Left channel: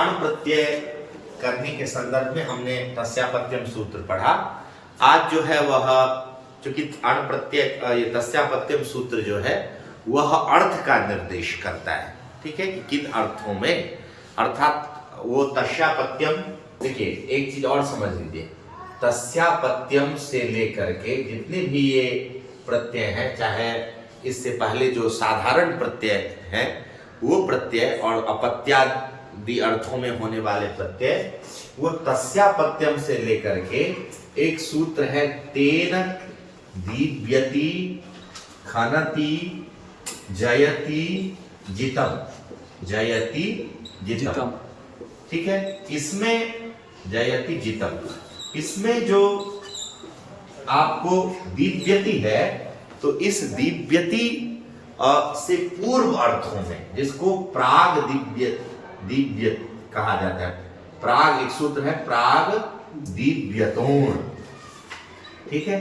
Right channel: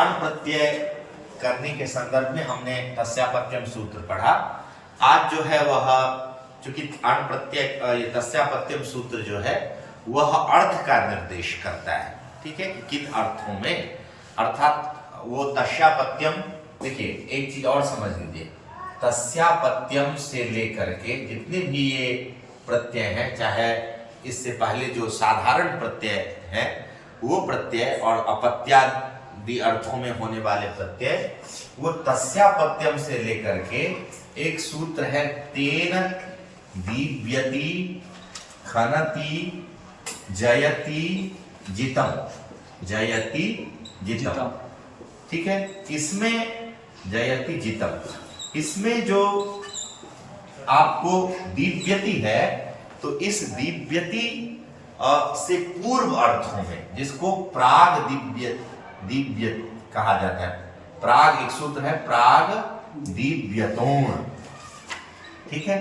अण प्रत्यय करने के संदर्भ में हमने तस्यापत्यम सूत्र पढ़ा। आज जो है वह चूंकि अण प्रत्यय तस्यापत्यम सूत्र जो है वह अर्थ का निर्देश करता है, ठीक है, कि किन अर्थों में, अर्थात वो तस्यापत्यम, देखिए एक चीज और समझ लीजिए, तस्यापत्यम से लेकर के जितने भी ये प्रत्यय हैं, चाहे इससे पहले जो साधारण प्रत्यय है वो प्रत्यय और अपत्यादि अर्थों में होने वाले प्रत्यय, वो तस्यापत्यम से लेकर के एक सूत्र है तेन दीव्यति खनति जयति जितम, जयति जितम, ठीक है। इसमें जयति जितम, इसमें जो आपको दीव्यति है, तो इस दीव्यति से पूर्व अर्थों में, जिसको प्राग दिव्य कहा जाता है, प्राग एक सूत्र है प्राग दिव्यतोण, ठीक है।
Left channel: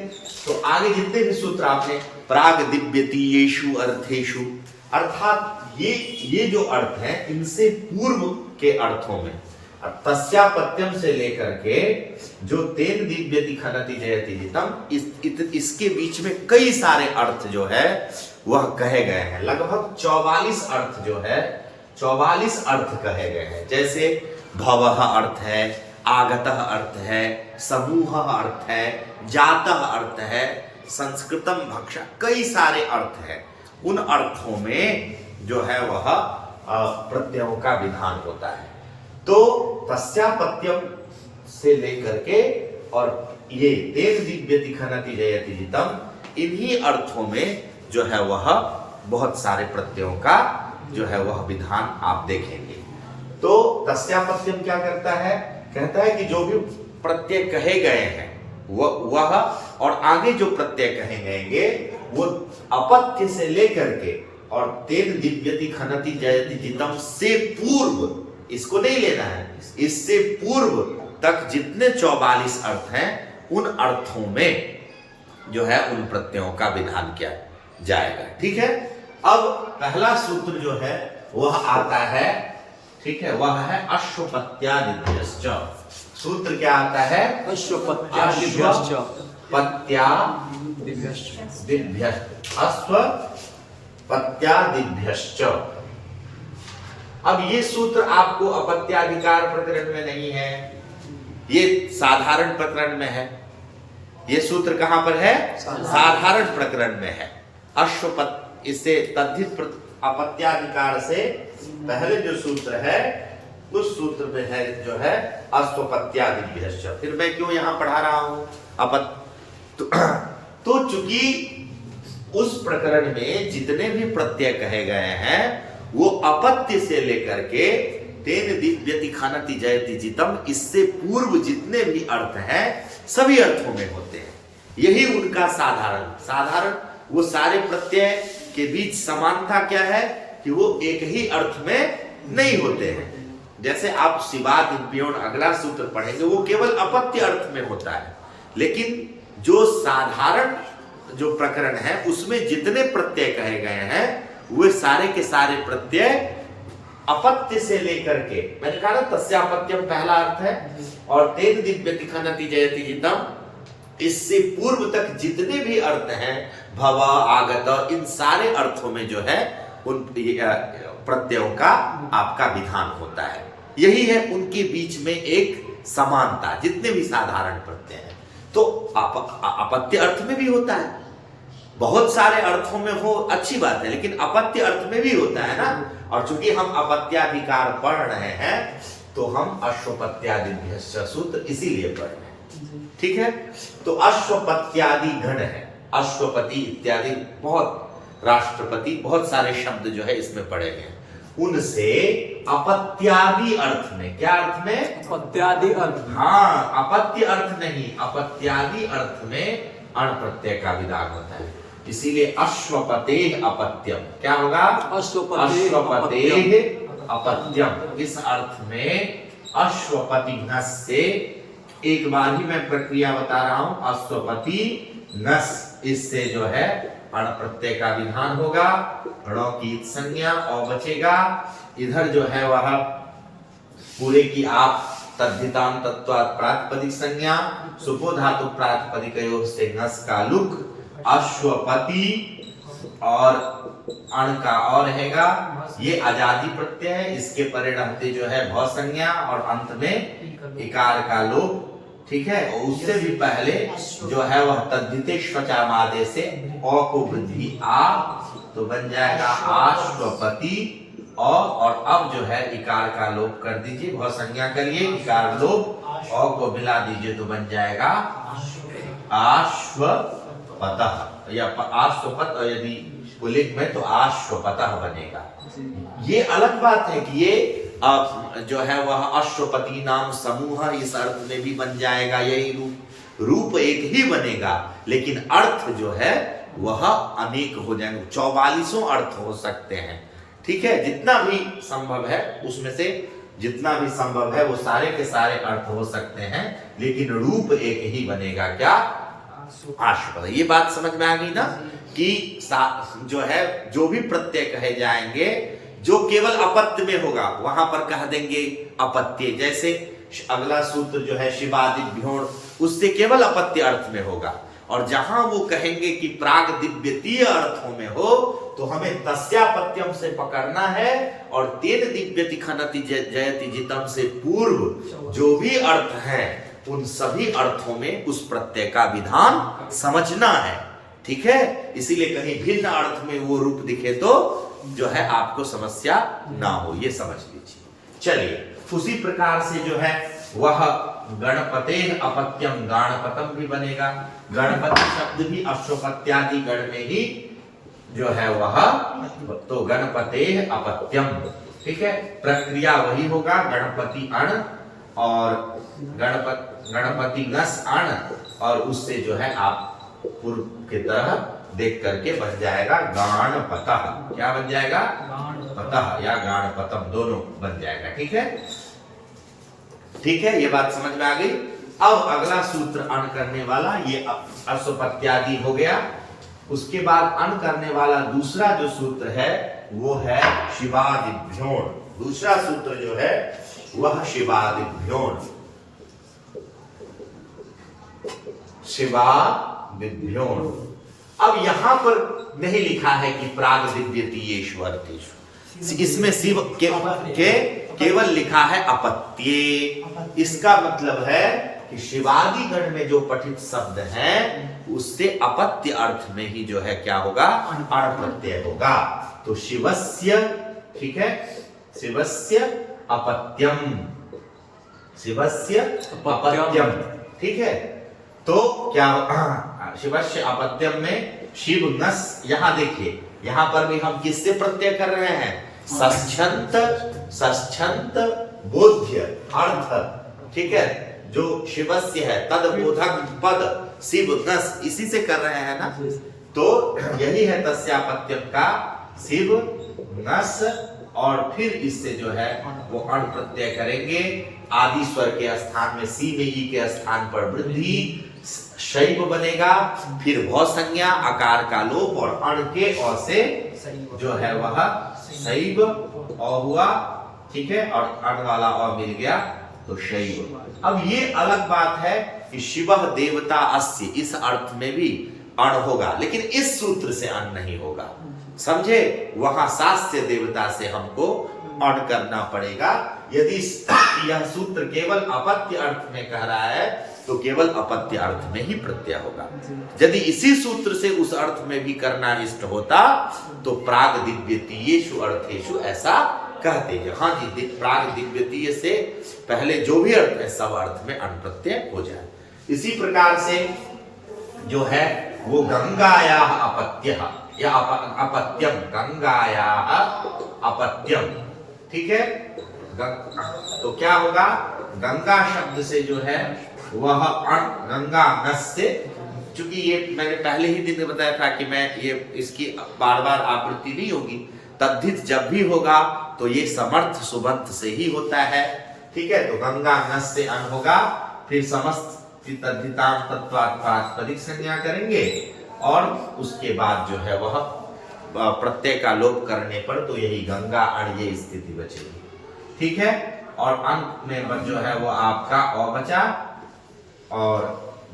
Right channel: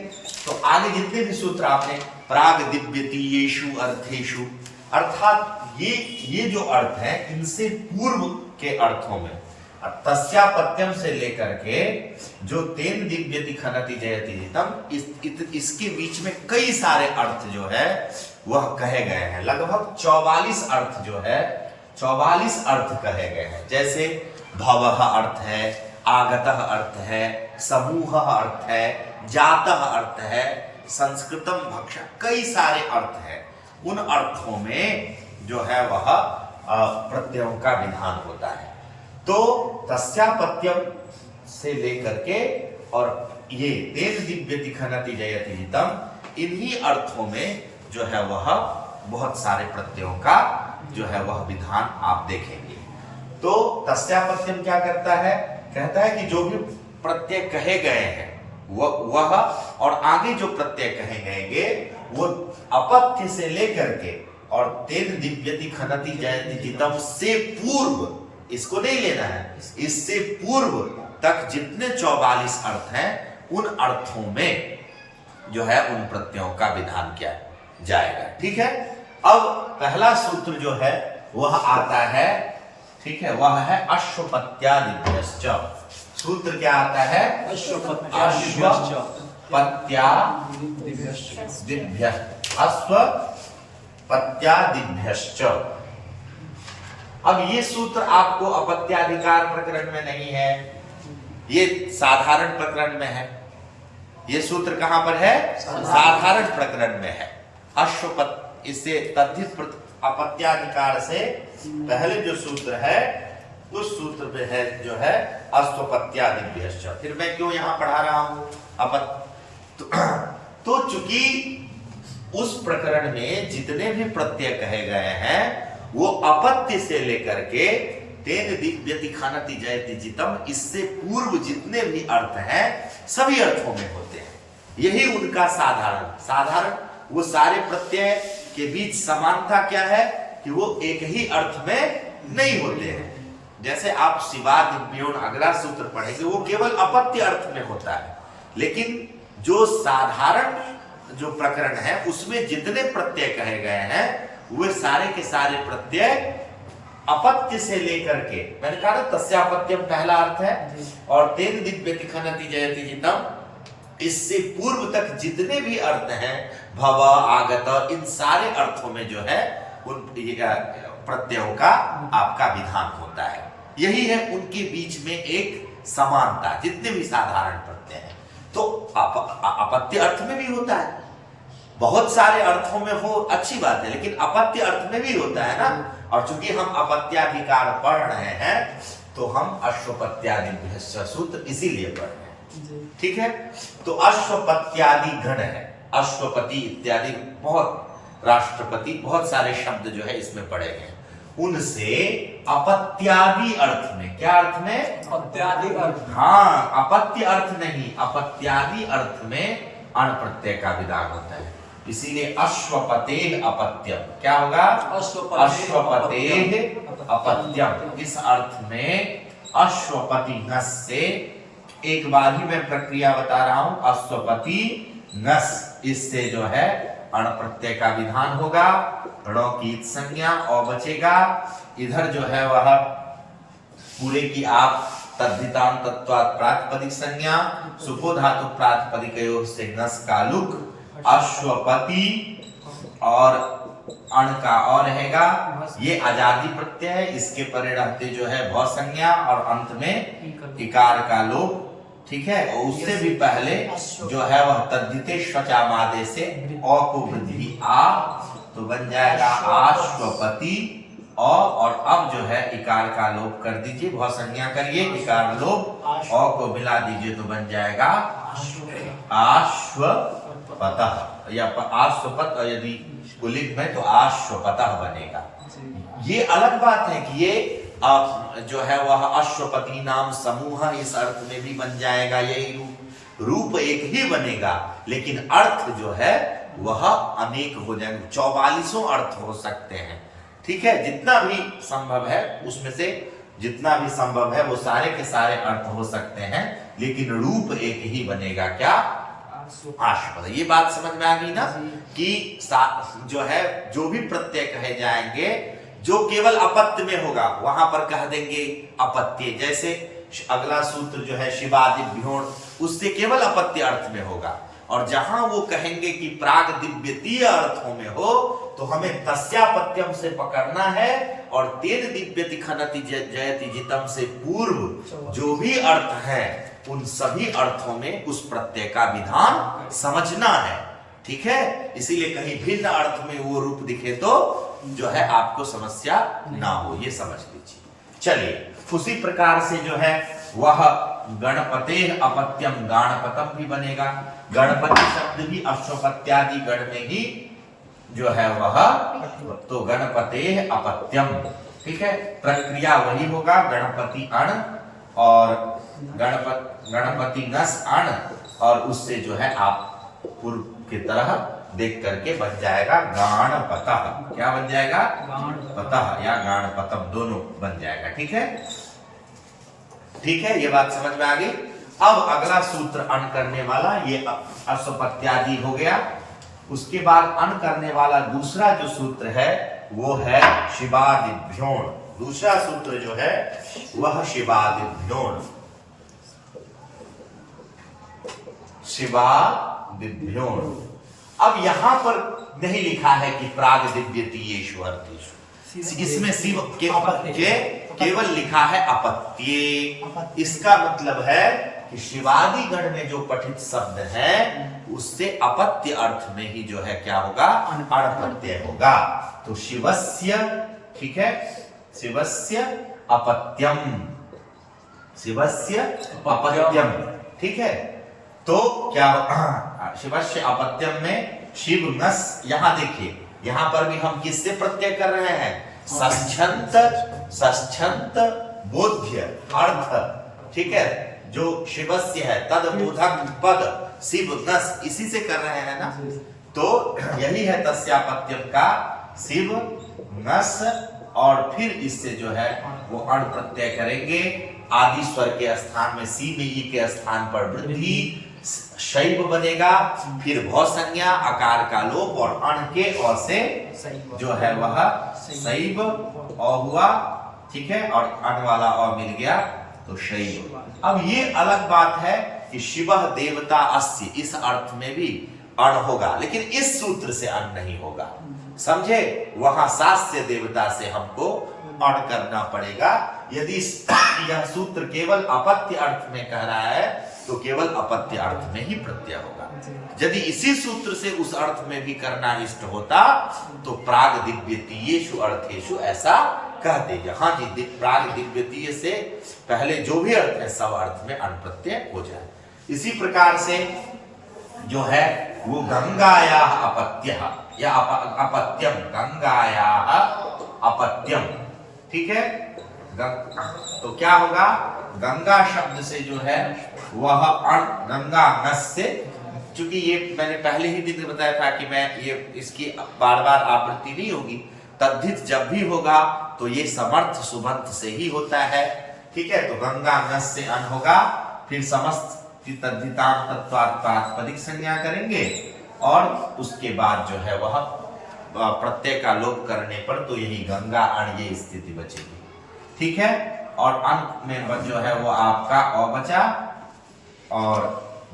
तो आगे जितने भी सूत्र आपने प्राग दिव्यति येषु अर्थेषु, अर्थात ये जो अर्थ है इनसे पूर्व के अर्थों में, तस्यापत्यम से लेकर के जो तेन दिव्यति खनति जयति जितम, इसके बीच में कई सारे अर्थ जो है वह कहे गए हैं। लगभग 44 अर्थ जो है, 44 अर्थ कहे गए हैं। जैसे भवः अर्थ है, आगतः अर्थ है, समूहः अर्थ है, जातः अर्थ है, संस्कृतम भक्षा, कई सारे अर्थ है। उन अर्थों में जो है वह प्रत्ययों का विधान होता है। तो तस्यापत्यम से लेकर के और ये तेन दिव्यति खनति जयति जितम, इन्हीं अर्थों में जो है वह बहुत सारे प्रत्ययों का जो है वह विधान आप देखेंगे। तो तस्यापत्यम क्या करता है, कहता है कि जो भी प्रत्यय कहे गए हैं वह और आगे जो प्रत्यय कहे गएंगे वो अपत्य से लेकर के और तेन दिव्यति खनति जयति जितम से पूर्व, इसको नहीं लेना है, इससे पूर्व तक जितने 44 अर्थ हैं उन अर्थों में जो है उन प्रत्ययों का विधान किया जाएगा, ठीक है। अब पहला सूत्र जो है वह आता है, ठीक है, वह है अश्वपत्यादिभ्यश्च। सूत्र क्या आता है, अश्वपत्यादिभ्यश्च, अश्वपत्यादिभ्यश्च। अब ये सूत्र आपको अपत्याधिकार प्रकरण में नहीं है, ये साधारण प्रकरण में है। ये सूत्र कहां पर है, साधारण प्रकरण में है। अश्वपत, इससे तद्धित अपत्याधिकार से पहले जो सूत्र है उस सूत्र में है जो है अश्वपत्यादिभ्यश्च। फिर मैं क्यों यहां पढ़ा रहा हूं तो चूंकि उस प्रकरण में जितने भी प्रत्यय कहे गए हैं वो अपत्य से लेकर के तेन दिव्यति खनति जयति जितम, इससे पूर्व जितने भी अर्थ हैं सभी अर्थों में होते हैं। यही उनका साधारण वो सारे प्रत्यय के बीच समानता क्या है कि वो एक ही अर्थ में नहीं होते हैं। जैसे आप शिवादिव्योन अगला सूत्र पढ़ेंगे वो केवल अपत्य अर्थ में होता है, लेकिन जो साधारण जो प्रकरण है उसमें जितने प्रत्यय कहे गए हैं वे सारे के सारे प्रत्यय अपत्य से लेकर के, मैंने कहा ना तस्यापत्यम पहला अर्थ है, और तेन दिव्यति खनति जयति जितम, इससे पूर्व तक जितने भी अर्थ हैं भव आगत, इन सारे अर्थों में जो है उन प्रत्ययों का आपका विधान होता है। यही है उनके बीच में एक समानता, जितने भी साधारण प्रत्यय हैं। तो अपत्य अर्थ में भी होता है, बहुत सारे अर्थों में हो, अच्छी बात है, लेकिन अपत्य अर्थ में भी होता है ना। और चूंकि हम अपत्याधिकार पढ़ रहे हैं तो हम अश्वपत्यादिभ्यश्च सूत्र इसीलिए पढ़ रहे हैं, ठीक है। तो अश्वपत्यादि गण है, अश्वपति इत्यादि बहुत, राष्ट्रपति, बहुत सारे शब्द जो है इसमें पड़े हैं। उनसे अपत्यादि अर्थ में, क्या अर्थ में, अपत्यादि अर्थ, हाँ अपत्य अर्थ नहीं, अपत्यादि अर्थ में अण प्रत्यय का विधान होता है। इसीलिए अश्वपतेः अपत्यम, क्या होगा, अश्वपतेः अपत्यम। इस अर्थ में अश्वपति नस से, एक बार ही मैं प्रक्रिया बता रहा हूं, अश्वपति नस, इससे जो है अण प्रत्यय का विधान होगा, णों की संज्ञा औ बचेगा, इधर जो है वह पूरे की आप तद्धितांत तत्वात् प्रातिपदिक संज्ञा सुपो धातु प्रातिपदिकयोः से नस का लुक अश्वपति और अण का और रहेगा, ये आजादी प्रत्यय है, इसके परे रहते जो है भव संज्ञा और अंत में इकार का लोप। ठीक है, और उससे भी पहले जो है वह तद्धिते श्वचा मादे से अ को वृद्धि आ, तो बन जाएगा आश्वपति अ, और अब जो है इकार का लोप कर दीजिए, भव संज्ञा करिए, इकार लोप अ को मिला दीजिए तो बन जाएगा आश्वपतः या आश्वपत, यदि पुल्लिंग में तो आश्वपतः बनेगा। ये अलग बात है कि ये जो है वह अश्वपति नाम समूह इस अर्थ में भी बन जाएगा, यही रूप एक ही बनेगा, लेकिन अर्थ जो है वह अनेक हो जाएंगे, 44 अर्थ हो सकते हैं। ठीक है, जितना भी संभव है उसमें से जितना भी संभव है वो सारे के सारे अर्थ हो सकते हैं, लेकिन रूप एक ही बनेगा, क्या? आश्वपद। ये बात समझ में आ गई ना कि जो है जो भी प्रत्यय कहे जाएंगे जो केवल अपत्य में होगा वहां पर कह देंगे अपत्य। जैसे अगला सूत्र जो है शिवादिभ्योण, उससे केवल अपत्य अर्थ में होगा, और जहां वो कहेंगे कि प्राग दिव्यतीय अर्थों में हो तो हमें तस्यापत्यम से पकड़ना है, और तेन दिव्यति खनति जयति जितम से पूर्व जो भी अर्थ है उन सभी अर्थों में उस प्रत्यय का विधान समझना है। ठीक है, इसीलिए कहीं भिन्न अर्थ में वो रूप दिखे तो जो है आपको समस्या ना हो, ये समझ लीजिए। चलिए, उसी प्रकार से जो है वह गणपतेन अपत्यम गाणपतम भी बनेगा। गणपति शब्द भी अश्वपत्यादि गण में ही जो है वह, तो गणपते अपत्यम। ठीक है, प्रक्रिया वही होगा, गणपति अण और गणपति नस अण, और उससे जो है आप पूर्व की तरह देख करके बन जाएगा गाणपतः। क्या बन जाएगा? पतः या गाणपतम, दोनों बन जाएगा। ठीक है, ठीक है, ये बात समझ में आ गई। अब अगला सूत्र अण करने वाला, ये अश्वपत्यादि हो गया। उसके बाद अण करने वाला दूसरा जो सूत्र है वो है शिवादिभ्योण। दूसरा सूत्र जो है वह शिवादिभ्योण, शिवादिभ्योण। अब यहां पर नहीं लिखा है कि प्राग दिव्यतीयेषु अर्थेषु, इसमें शिव केवल लिखा है अपत्ये। इसका मतलब है कि शिवादि गण में जो पठित शब्द है उससे अपत्य अर्थ में ही जो है क्या होगा? अण प्रत्यय होगा। तो शिवस्य, ठीक है, शिवस्य अपत्यम, शिवस्य अपत्यम। ठीक है, तो क्या शिवस्य अपत्यम में शिव नस, यहां देखिए यहां पर भी हम किससे प्रत्यय कर रहे हैं? सच्छंत, सच्छंत बोध्य अर्थ। ठीक है, जो शिवस्य है तद बोधक पद शिव नस, इसी से कर रहे हैं ना, तो यही है तस्यापत्यम का शिव नस, और फिर इससे जो है वो अण प्रत्यय करेंगे। आदि स्वर के स्थान में सी में ई के स्थान पर वृद्धि, शैव बनेगा, फिर भव संज्ञा, आकार का लोप, और अण के अ से जो है वह शैव अ हुआ। ठीक है, और अण वाला अ मिल गया तो शैव। अब ये अलग बात है कि शिवः देवता अस्य, इस अर्थ में भी अण होगा, लेकिन इस सूत्र से अण नहीं होगा, समझे? वहां सास्य देवता से हमको अण करना पड़ेगा। यदि यह सूत्र केवल अपत्य अर्थ में कह रहा है तो केवल अपत्य अर्थ में ही प्रत्यय होगा। यदि इसी सूत्र से उस अर्थ में भी करना इष्ट होता तो प्राग दिव्यतीयेषु अर्थेषु ऐसा कहते हैं। हाँ जी, प्राग दिव्यतीय से पहले जो भी अर्थ है सब अर्थ में अण प्रत्यय हो जाए। इसी प्रकार से जो है वो गंगायाः अपत्यः या अपत्यम, गंगायाः अपत्यम। ठीक है, तो क्या होगा? गंगा शब्द से जो है वह अण, गंगा नस से, चूंकि ये मैंने पहले ही दिन में बताया था कि मैं ये इसकी बार बार आवृत्ति नहीं होगी। तद्धित जब भी होगा तो ये समर्थ सुबंत से ही होता है। ठीक है, तो गंगा नस से अण होगा, फिर समस्त तद्धितांत तत्वात् प्रातिपदिक संज्ञा करेंगे, और उसके बाद जो है वह प्रत्यय का लोप करने पर तो यही गंगा अण ये स्थिति बचेगी। ठीक है, और अंत में जो है वो आपका अ बचा और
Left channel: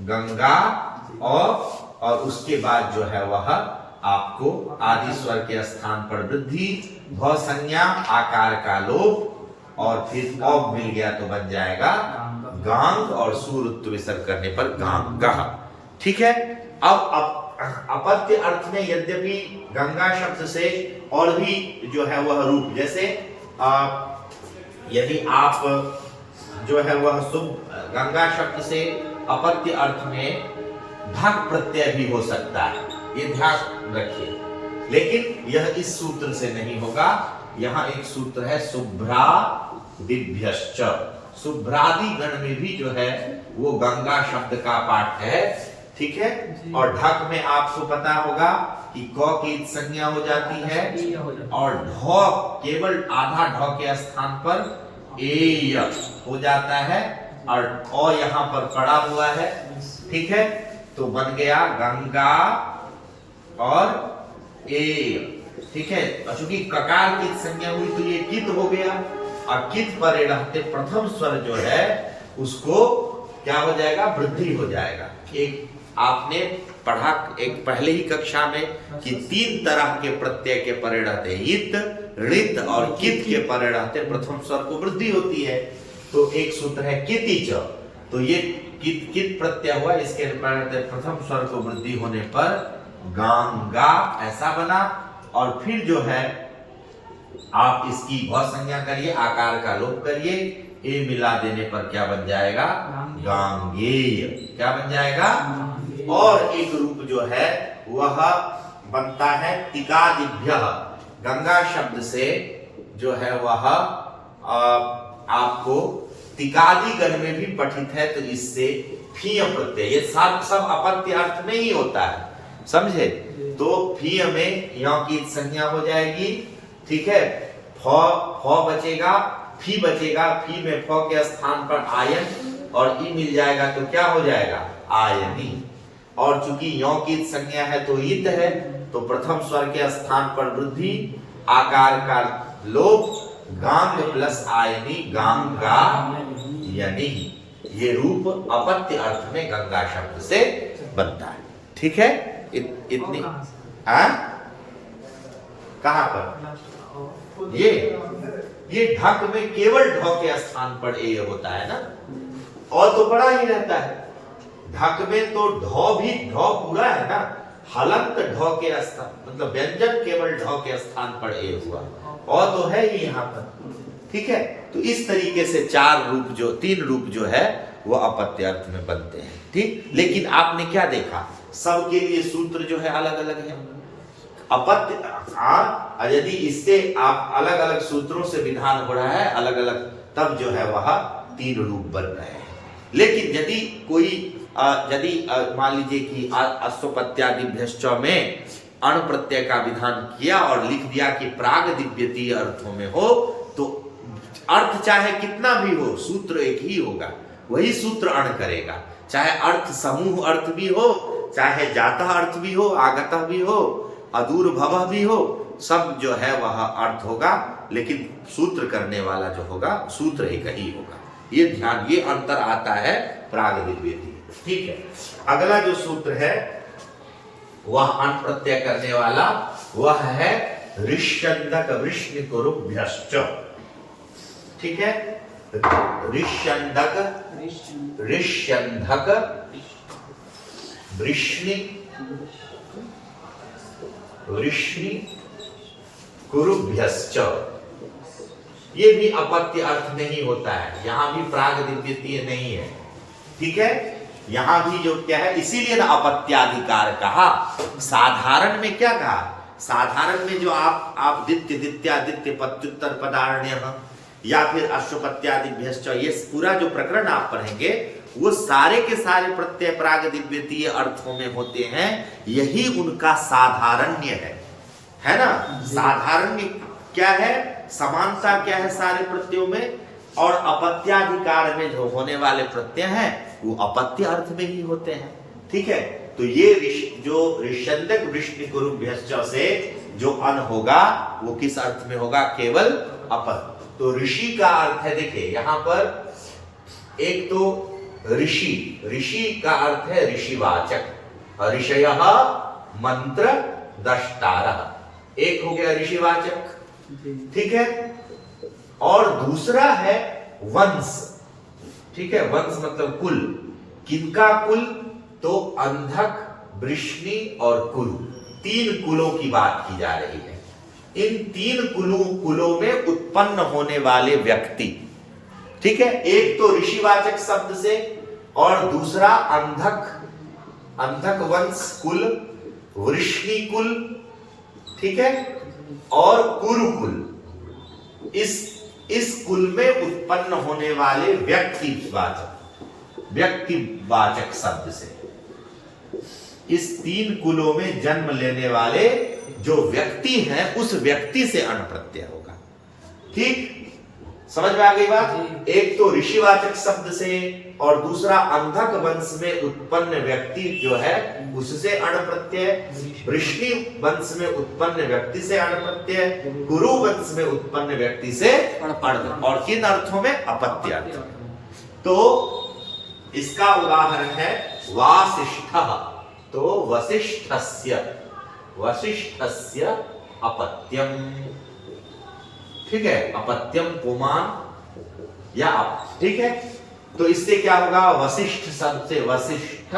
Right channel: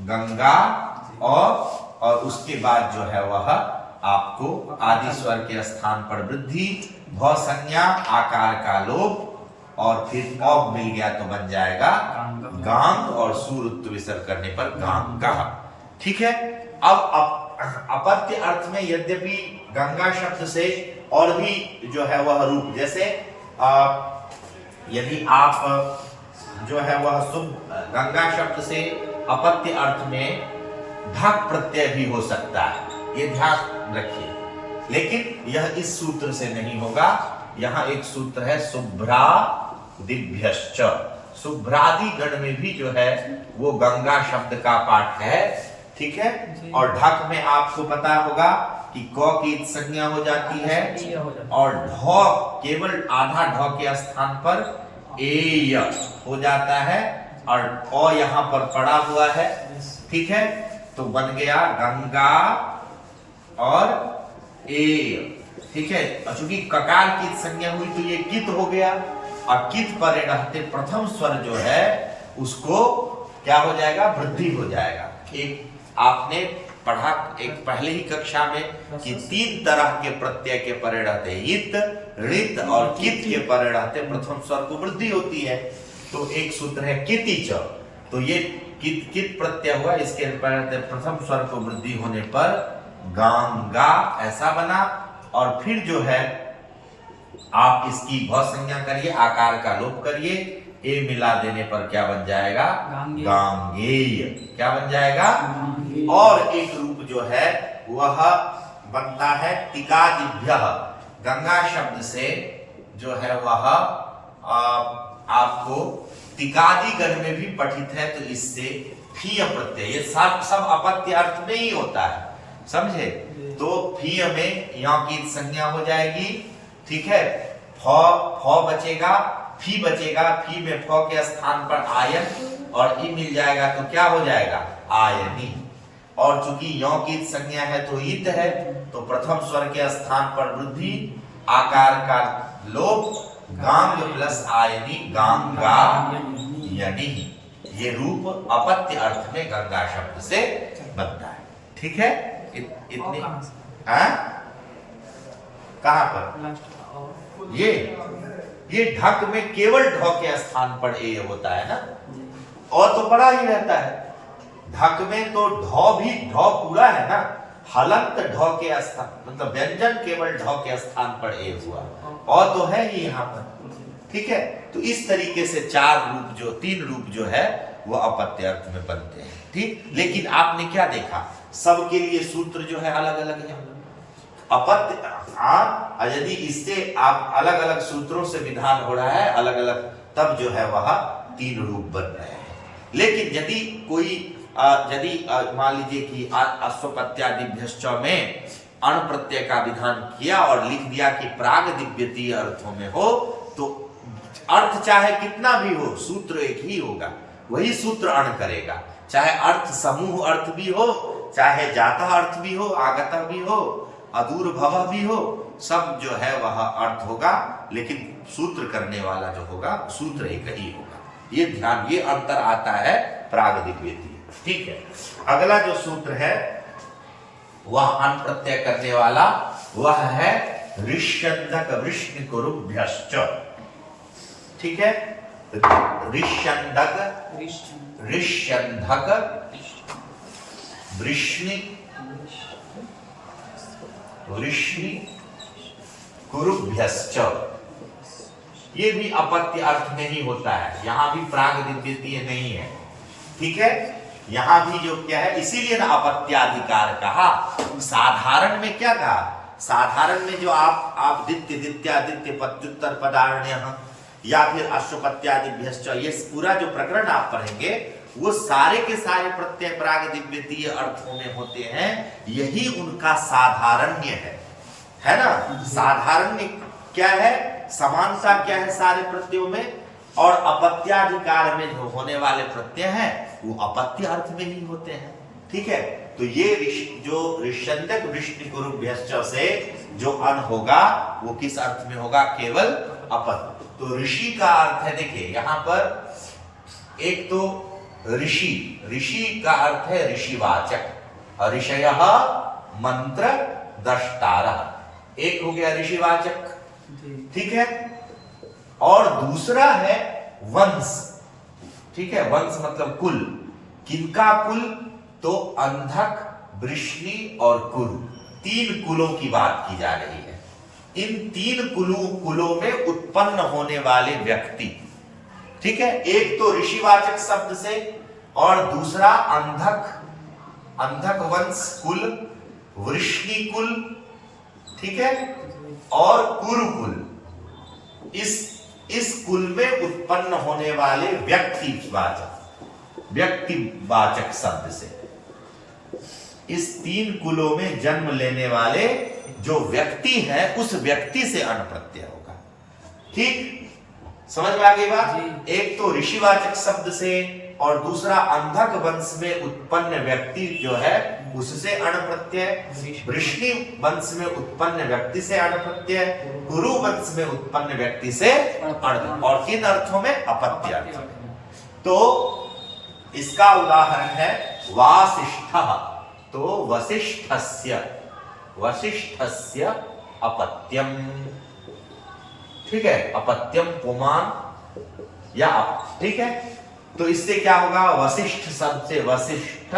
गंगा और उसके बाद जो है वह आपको आदि स्वर के स्थान पर वृद्धि, भ संज्ञा, आकार का लोप और फिर औ मिल गया तो बन जाएगा गांग और सूर्य विसर्ग करने पर गांगा। ठीक है। अब अपत्य अर्थ में यद्यपि गंगा शब्द से और भी जो है वह रूप, जैसे यदि आप जो है वह गंगा शब्द से अपत्य अर्थ में ढक प्रत्यय भी हो सकता है, ये ध्यान रखिए। लेकिन यह इस सूत्र से नहीं होगा। यहाँ एक सूत्र है शुभ्रा दिभ्यश्च, शुभ्रादि गण में भी जो है वो गंगा शब्द का पाठ है। ठीक है। और ढक में आपको पता होगा कि क की संज्ञा हो जाती है और ढ केवल आधा ढ के स्थान पर ए हो जाता है और अ यहाँ पर पड़ा हुआ है। ठीक है। तो बन गया गंगा और ए। ठीक है। चूंकि ककार की संज्ञा हुई तो ये कित हो गया और कित पर रहते प्रथम स्वर जो है उसको क्या हो जाएगा, वृद्धि हो जाएगा। एक आपने पढ़ा एक पहले ही कक्षा में कि 3 तरह के प्रत्यय के परे रहते इत, ऋत और कित के परे रहते प्रथम स्वर को वृद्धि होती है। तो एक सूत्र है कितिच, तो ये कित कित प्रत्यय हुआ, इसके प्रथम स्वर को वृद्धि होने पर गंगा ऐसा बना। और फिर जो है आप इसकी भ संज्ञा करिए, आकार का लोप करिए, ए मिला देने पर क्या बन जाएगा, गांगेय। क्या बन जाएगा। और एक रूप जो है वह बनता है तिकादिभ्यः, गंगा शब्द से जो है वह आपको तिकादि गण में भी पठित है, तो इससे फीय प्रत्यय, ये सब अपत्य अर्थ में ही होता है, समझे। तो फीय में यहाँ की संज्ञा हो जाएगी। ठीक है। फ बचेगा, फी बचेगा, फी में फ के स्थान पर आयन और ई मिल जाएगा तो क्या हो जाएगा, आयनी। और चूंकि यों की संज्ञा है तो इत है, तो प्रथम स्वर के स्थान पर वृद्धि, आकार का लोप, गांग प्लस आयनी, गांगा यानी ये रूप अपत्य अर्थ में गंगा शब्द से बनता है। ठीक है। इतनी कहां पर ये ढक में केवल ढ के स्थान पर ए होता है ना, और तो बड़ा ही रहता है। ढक में तो ढ भी ढ पूरा है ना, हलंत ढ के स्थान मतलब व्यंजन केवल ढ के स्थान पर ए हुआ, और तो है ही यहाँ पर। ठीक है। तो इस तरीके से 3 रूप जो है वो अपत्य अर्थ में बनते हैं। ठीक। लेकिन आपने क्या देखा, सबके लिए सूत्र जो है अलग अलग है। अपत्य यदि इससे आप अलग अलग सूत्रों से विधान हो रहा है अलग अलग, तब जो है वह 3 रूप बन रहे हैं। लेकिन यदि कोई मान लीजिए कि अश्वपत्यादिभ्यश्च में अण प्रत्यय का विधान किया और लिख दिया कि प्राग दिव्यतीय अर्थों में हो, तो अर्थ चाहे कितना भी हो सूत्र एक ही होगा, वही सूत्र अण करेगा। चाहे अर्थ समूह अर्थ भी हो, चाहे जाता अर्थ भी हो, आगता भी हो, अदूर भव भी हो, सब जो है वह अर्थ होगा, लेकिन सूत्र करने वाला जो होगा सूत्र एक ही होगा। ये ध्यान, ये अंतर आता है प्राग दिव्यतीय। ठीक है। अगला जो सूत्र है वह अण प्रत्यय करने वाला वह है ऋष्यन्दक वृष्णिकुरुभ्यश्च। ठीक है। ऋष्यन्दक ऋष्यन्धक वृष्णि वृष्णि कुरुभ्यश्च, ये भी अपत्य अर्थ में ही होता है, यहां भी प्राग दिव्यतीय नहीं है। ठीक है। यहां भी जो क्या है, इसीलिए ना अपत्याधिकार कहा। साधारण में क्या कहा, साधारण में जो आप दित्य दित्यादित्य पत्युत्तर पदारण्य या फिर अश्वपत्यादिभ्यश्च, ये पूरा जो प्रकरण आप पढ़ेंगे वो सारे के सारे प्रत्यय प्राग दिव्यतीय अर्थों में होते हैं, यही उनका साधारण्य है ना। साधारण्य क्या है, समानता क्या है सारे प्रत्ययों में, और अपत्याधिकार में जो होने वाले प्रत्यय हैं वो अपत्य अर्थ में ही होते हैं। ठीक है। तो ये जो ऋष्यंतक वृष्णिकुरुभ्यश्च से जो अन होगा वो किस अर्थ में होगा? केवल अपद। तो ऋषि का अर्थ है, देखिए यहां पर एक तो ऋषि का अर्थ है ऋषिवाचक, ऋषयः मंत्र दष्टारः, एक हो गया ऋषिवाचक, ठीक है। और दूसरा है वंश, ठीक है। वंश मतलब कुल, किनका कुल? तो अंधक, वृष्णि और कुरु, तीन कुलों की बात की जा रही है। इन तीन कुलों में उत्पन्न होने वाले व्यक्ति, ठीक है। एक तो ऋषिवाचक शब्द से और दूसरा अंधक वंश कुल, वृष्णि कुल, ठीक है, और कुरु कुल। इस कुल में उत्पन्न होने वाले व्यक्तिवाचक शब्द से, इस तीन कुलों में जन्म लेने वाले जो व्यक्ति है उस व्यक्ति से अण प्रत्यय होगा। ठीक, समझ में आ गई बात? एक तो ऋषिवाचक शब्द से और दूसरा अंधक वंश में उत्पन्न व्यक्ति जो है उससे अण प्रत्यय, वृष्णि वंश में उत्पन्न व्यक्ति से अण प्रत्यय, कुरु वंश में उत्पन्न व्यक्ति से अण, और किन अर्थों में? अपत्य अर्थ। तो इसका उदाहरण है वासिष्ठः, तो वसिष्ठस्य अपत्यम, ठीक है, अपत्यम पुमान या ठीक है। तो इससे क्या होगा? वशिष्ठ शब्द से वशिष्ठ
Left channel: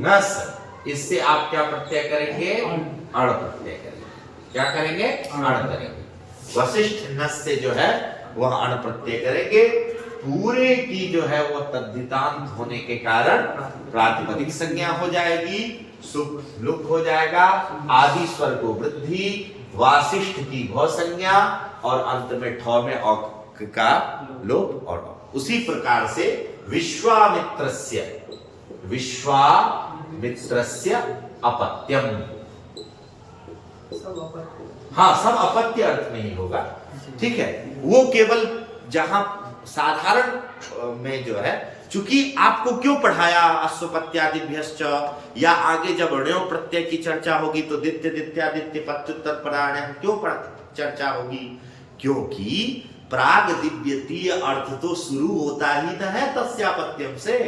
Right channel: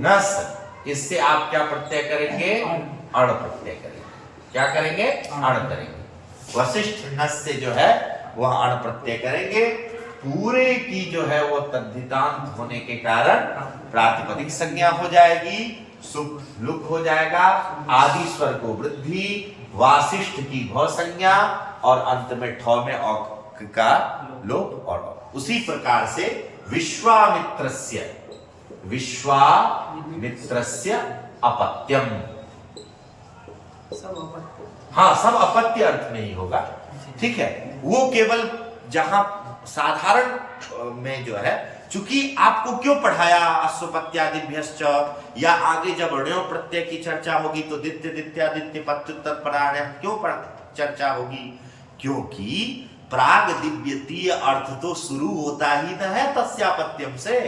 नस, इससे आप क्या प्रत्यय करेंगे? अण प्रत्यय करेंगे। क्या करेंगे? अण करेंगे। वशिष्ठ नस से जो है वह अण प्रत्यय करेंगे। पूरे की जो है वो तद्धितांत होने के कारण प्रातिपदिक संज्ञा हो जाएगी, सुप लुक हो जाएगा, आदि स्वर को वृद्धि, वासिष्ठ की भव संज्ञा और अंत में ठ में औक का लोप। और उसी प्रकार से विश्वामित्रस्य अपत्यम, हाँ सब अपत्य अर्थ में ही होगा, ठीक है। वो केवल जहां साधारण में जो है, चूंकि आपको क्यों पढ़ाया अश्वपत्यादिभ्यश्च, या आगे जब ण्यो प्रत्यय की चर्चा होगी तो दित्य दित्यादित्य पत्युत्तर परायण क्यों चर्चा होगी? क्योंकि प्राग दिव्यतीय अर्थ तो शुरू होता ही न है तस्यापत्यम से,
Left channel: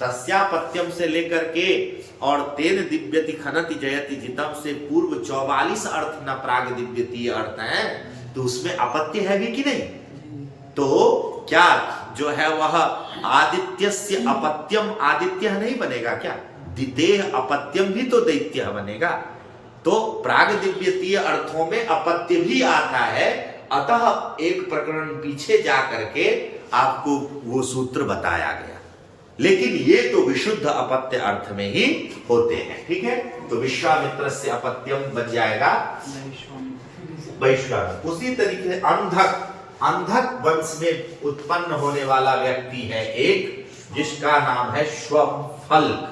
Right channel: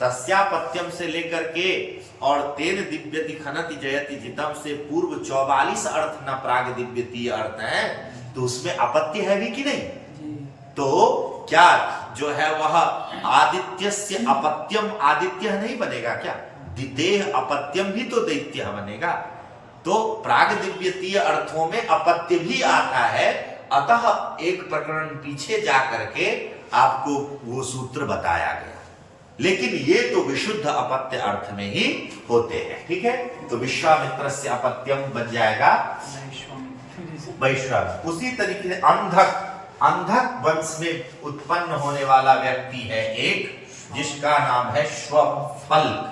तस्यापत्यम से लेकर के और तेन दिव्यति खनति जयति जितम से पूर्व 44 अर्थ न प्राग दिव्यतीय अर्थ है, तो उसमें अपत्य है भी कि नहीं? तो क्या जो है वह आदित्यस्य अपत्यम आदित्य नहीं बनेगा क्या? दितेह अपत्यम भी तो दैत्य बनेगा। तो प्राग दिव्यतीय अर्थों में अपत्य भी आता है। अतः एक प्रकरण पीछे जा करके आपको वो सूत्र बताया गया, लेकिन ये तो विशुद्ध अपत्य अर्थ में ही होते हैं, ठीक है। तो विश्वामित्रस्य अपत्यम बन जाएगा वैश्वामित्र। उसी तरीके से अंधक वंश में उत्पन्न होने वाला व्यक्ति है एक, जिसका नाम है श्वफल्क।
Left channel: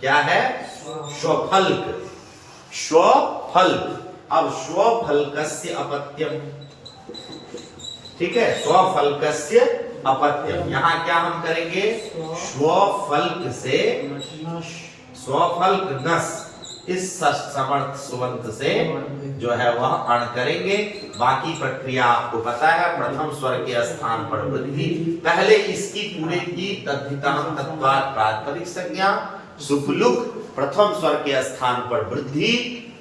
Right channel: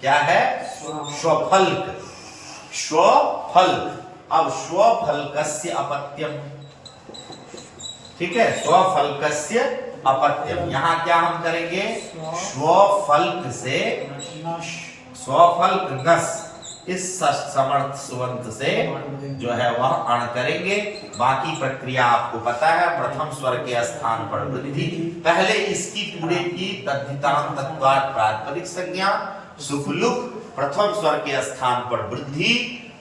क्या है? श्वफल्क। अब श्वफल्कस्य अपत्यम, ठीक है, स्वफल्कस्य अपत्यम। यहां क्या हम करेंगे? स्वफल्क से स्वफल्क नस, इस समर्थ सुवंत से जो है वह अण करेंगे। बाकी प्रक्रिया आपको पता है, प्रथम स्वर के स्थान पर वृद्धि, पहले इसकी पूरे की तद्धितांत तत्वात् प्रातिपदिक संज्ञा, सुपलुक प्रथम स्वर के स्थान पर वृद्धि,